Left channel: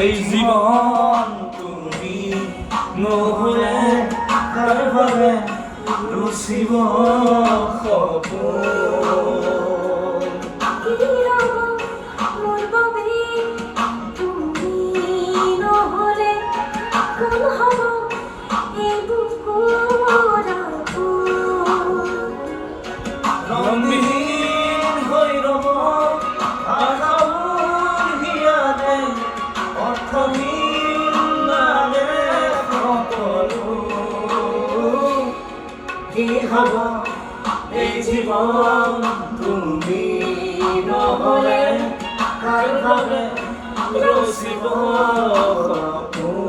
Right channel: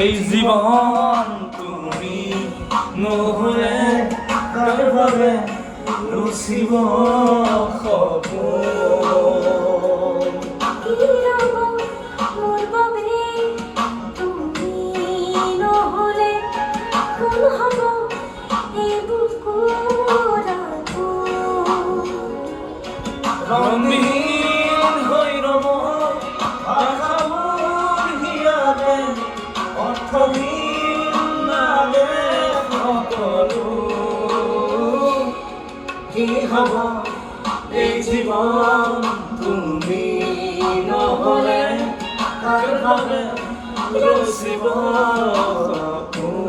এই জীবন তুমি নহলে কারভাবে রসিব রঙিন হৈরব আশাবোৰ হিয়াতে অৰ্থহীন নামে সকলো কি হ'ব এই জীৱন তুমি নহলে কাৰভাবে ৰচিব সপোন